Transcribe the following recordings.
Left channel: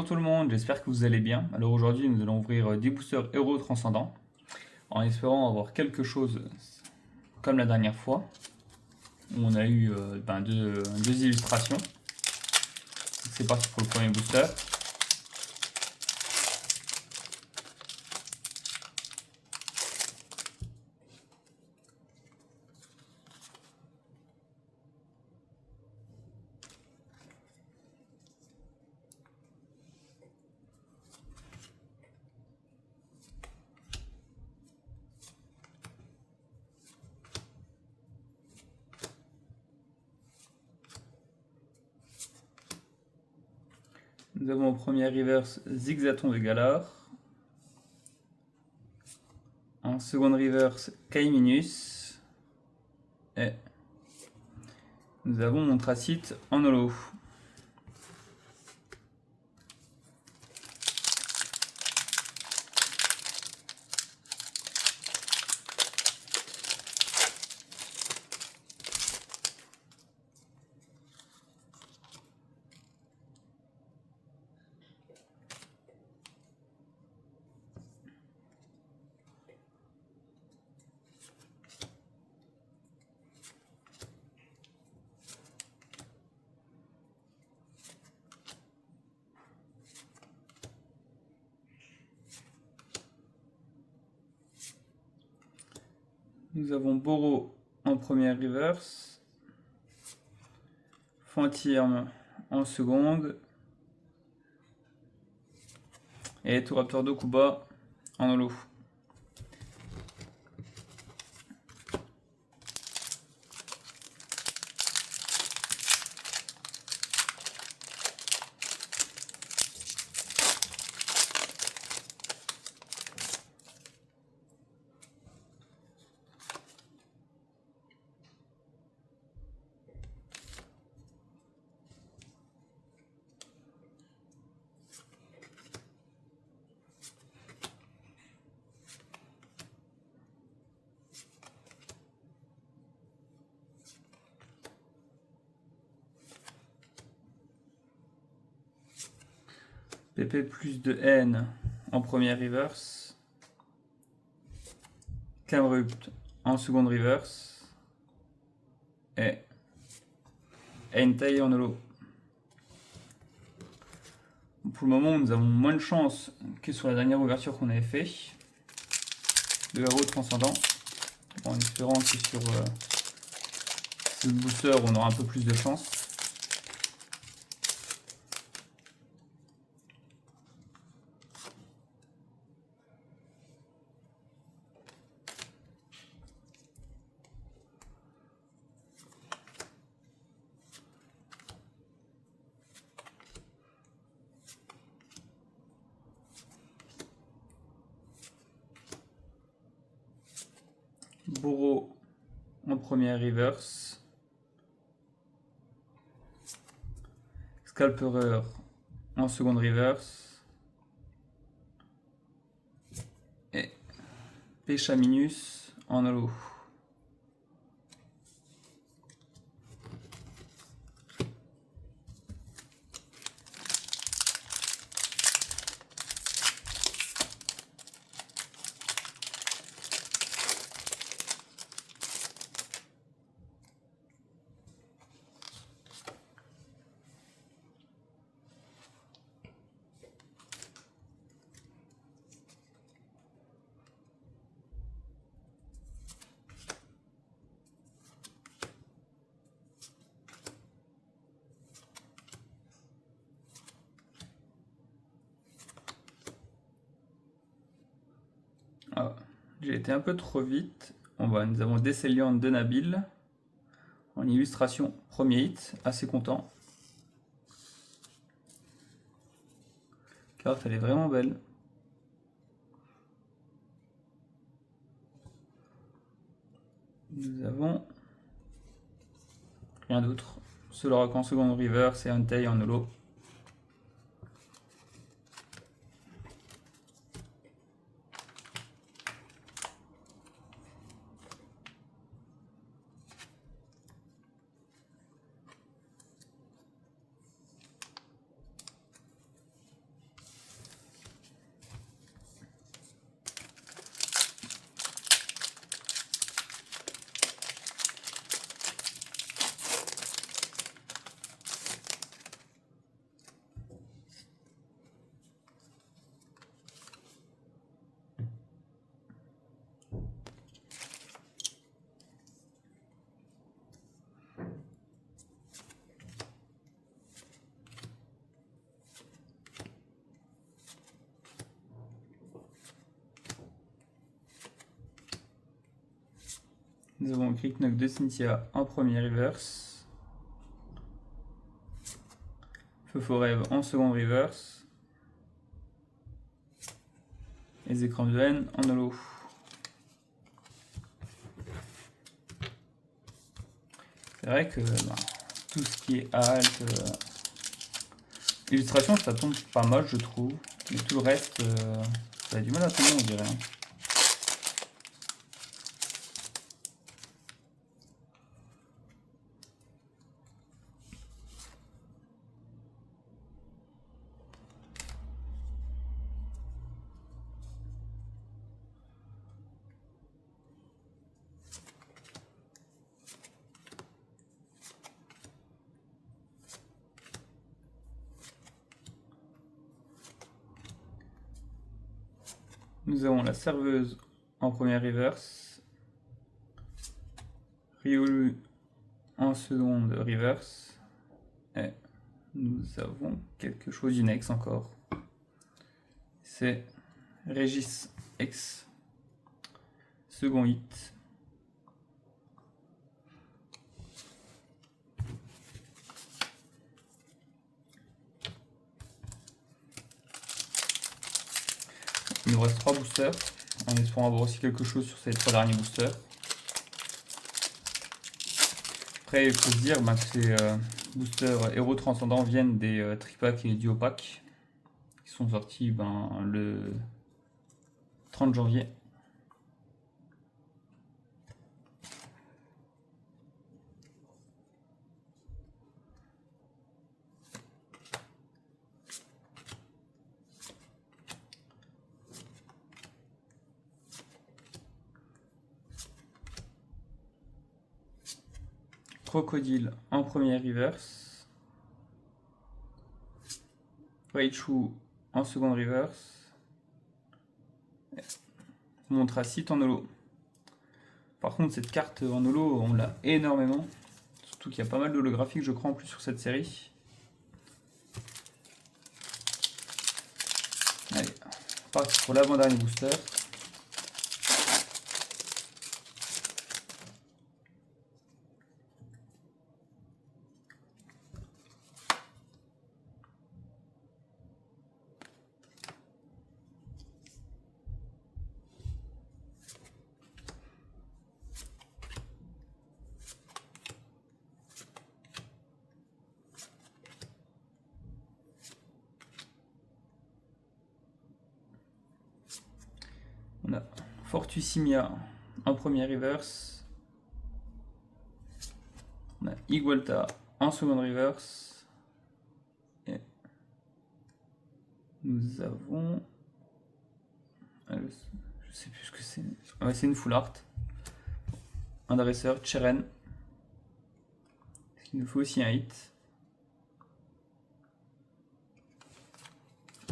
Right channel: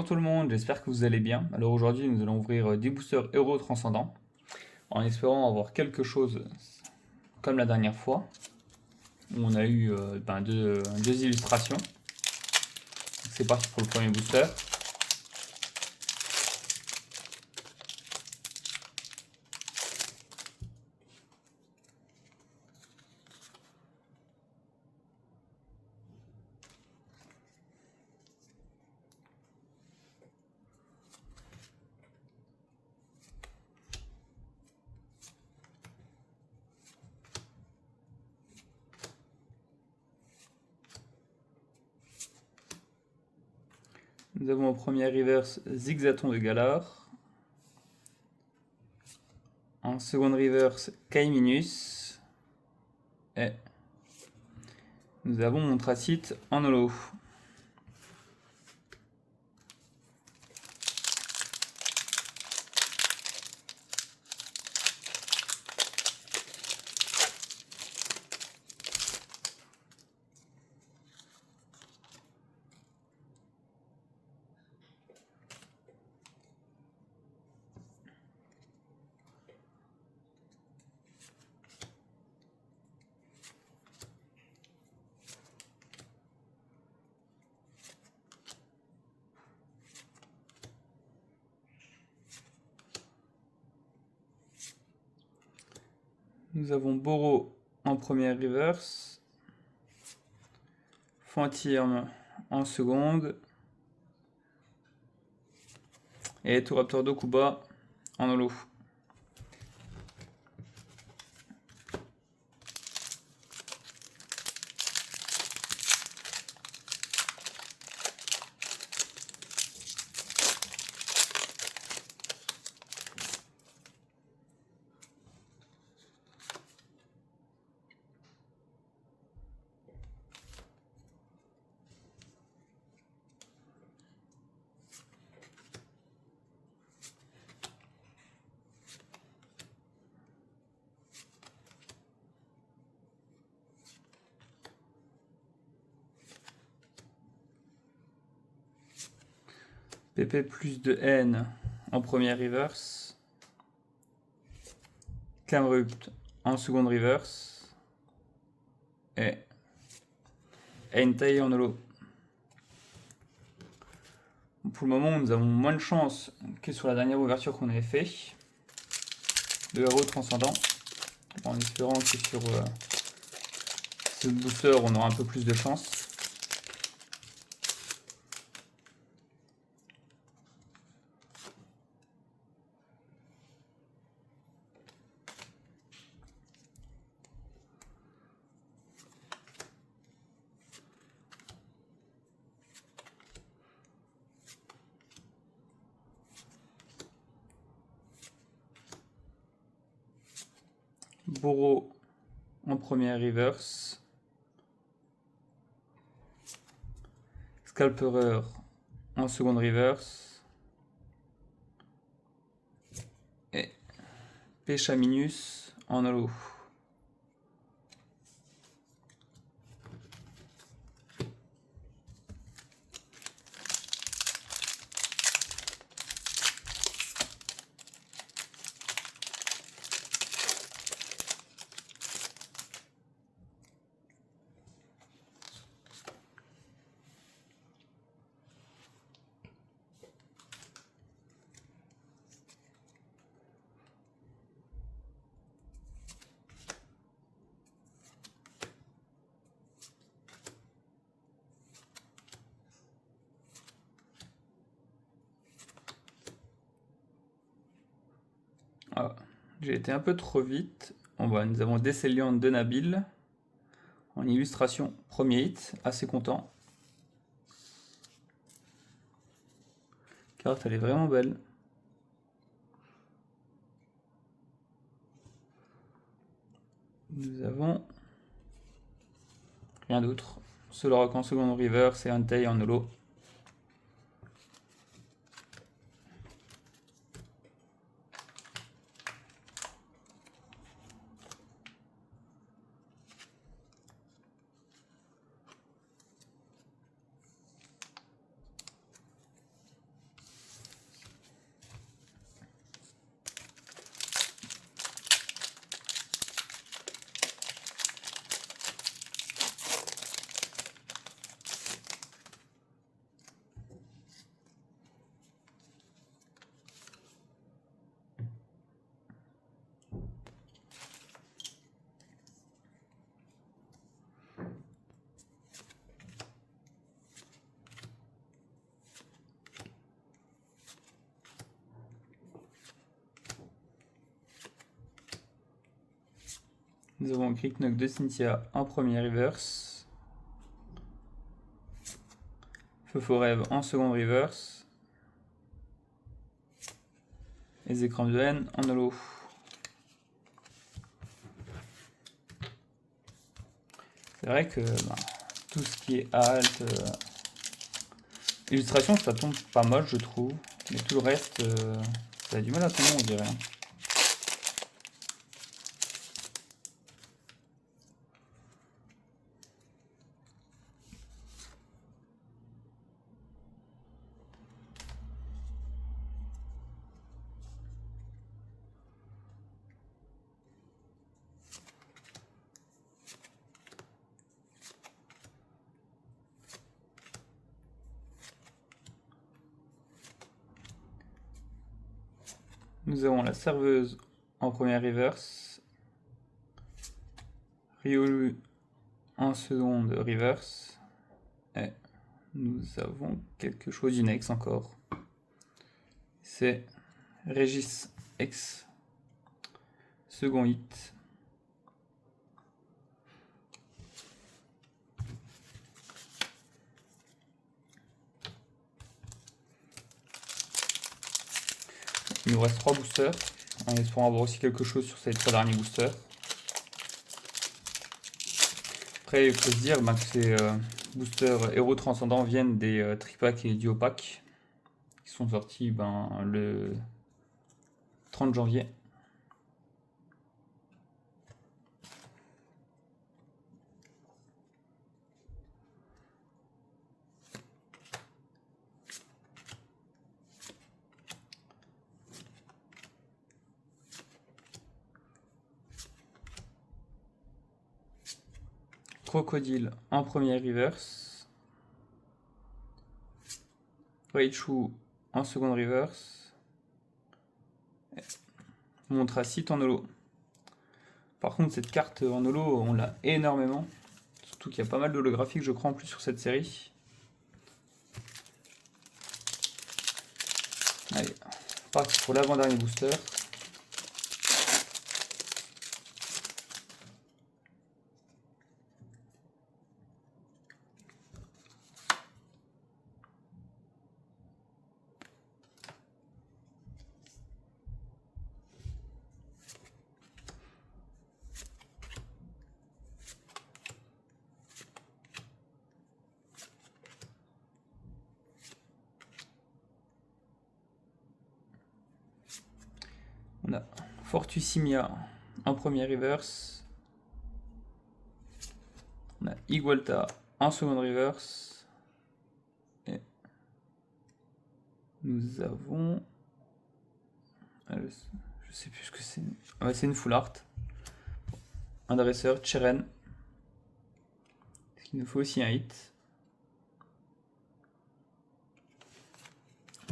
Bonjour tout le monde, j'espère que vous allez bien. Alors aujourd'hui nous allons ouvrir 10 boosters héros transcendants en espérant avoir quelque chose comme la dernière fois où on a eu deux illustrations. C'est parti pour le premier booster. Nous avons au premier reverse Zigzaton de Galar. En seconde reverse Kaiminus. Et nous avons Montracite en holo. Nous avons Boro en première reverse, Fantirme en seconde, et Toraptor Dokuba en holo. PP plus de N en première reverse, Camerupt en seconde reverse, et Entei en holo. Pour le moment, nous avons moins de chance que sur la dernière ouverture qu'on avait fait de héros transcendant, en espérant que sur ce booster on aura un peu plus de chance. Boro en première reverse, Scalperer en seconde reverse, et Pechaminus en holo. Ah, j'ai été un peu trop vite. Nous avons Décéliant de Nabil en illustration premier hit, assez content. La carte elle est vraiment belle. Nous avons rien d'autre. Solorock en seconde reverse et Entei en holo. Nous avons Crick Knock de Cynthia en premier reverse. Feu Faux Rêve en second reverse. Les écrans de haine en holo. C'est vrai que tout ce qui est halte, illustration, ça tombe pas mal, je trouve. Mais tout le reste, ça a du mal à tomber, on dirait. Nous avons la serveuse en première reverse, Riolu en seconde reverse, et nous avons quelque chose d'inex encore. C'est Régis X, second hit. Il nous reste 3 boosters, en espérant avoir aussi quelque chose sur ces 3 derniers boosters. Après, il faut se dire que ces boosters héros transcendants viennent des tripacks et duo packs qui sont sortis le 30 janvier. Crocodile en premier reverse. Raichu en second reverse. Montracite en holo. Par contre, cette carte en holo, on l'a énormément. Surtout qu'il y a pas mal d'holographiques, je crois, en plus sur cette série. Allez, on part pour l'avant-dernier booster. On a Fortusimia en premier reverse. On a Igualta en second reverse. Et nous avons... je sais plus ce que c'est. Ouais, c'est une full art. Un dresseur, Cheren. Ce qui nous faut aussi un hit.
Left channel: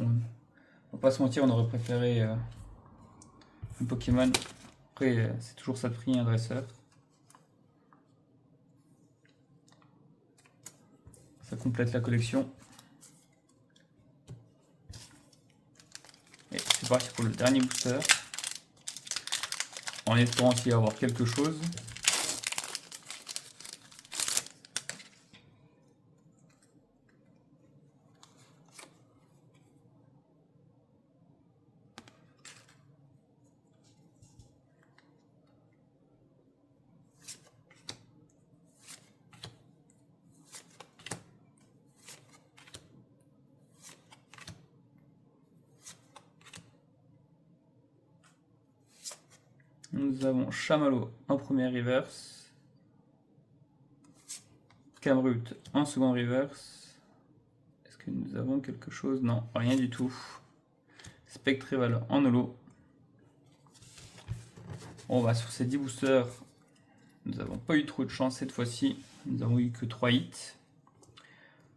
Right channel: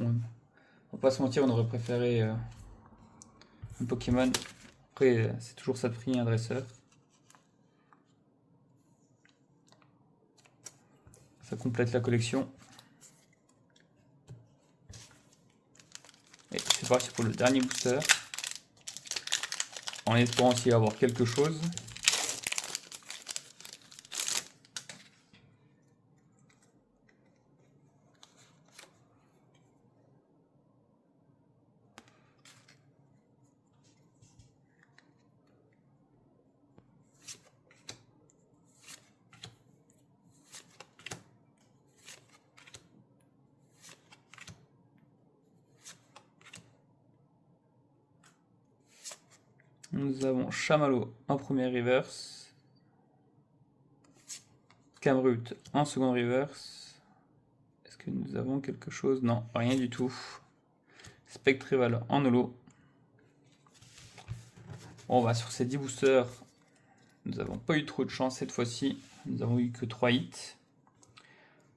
On va pas se mentir, on aurait préféré un Pokémon. Après, c'est toujours ça de prix, un dresseur. Ça complète la collection. Et c'est parti pour le dernier booster. En espérant aussi avoir quelque chose. Nous avons Chamallow en premier reverse. Camrut en second reverse. Est-ce que nous avons quelque chose? Non, rien du tout. Spectreval en holo. Bon, bah, sur ces 10 boosters, nous n'avons pas eu trop de chance cette fois-ci. Nous avons eu que 3 hits.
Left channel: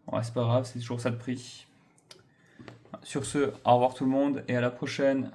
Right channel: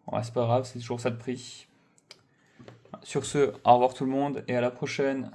Bon, c'est pas grave, c'est toujours ça de prix. Sur ce, au revoir tout le monde et à la prochaine.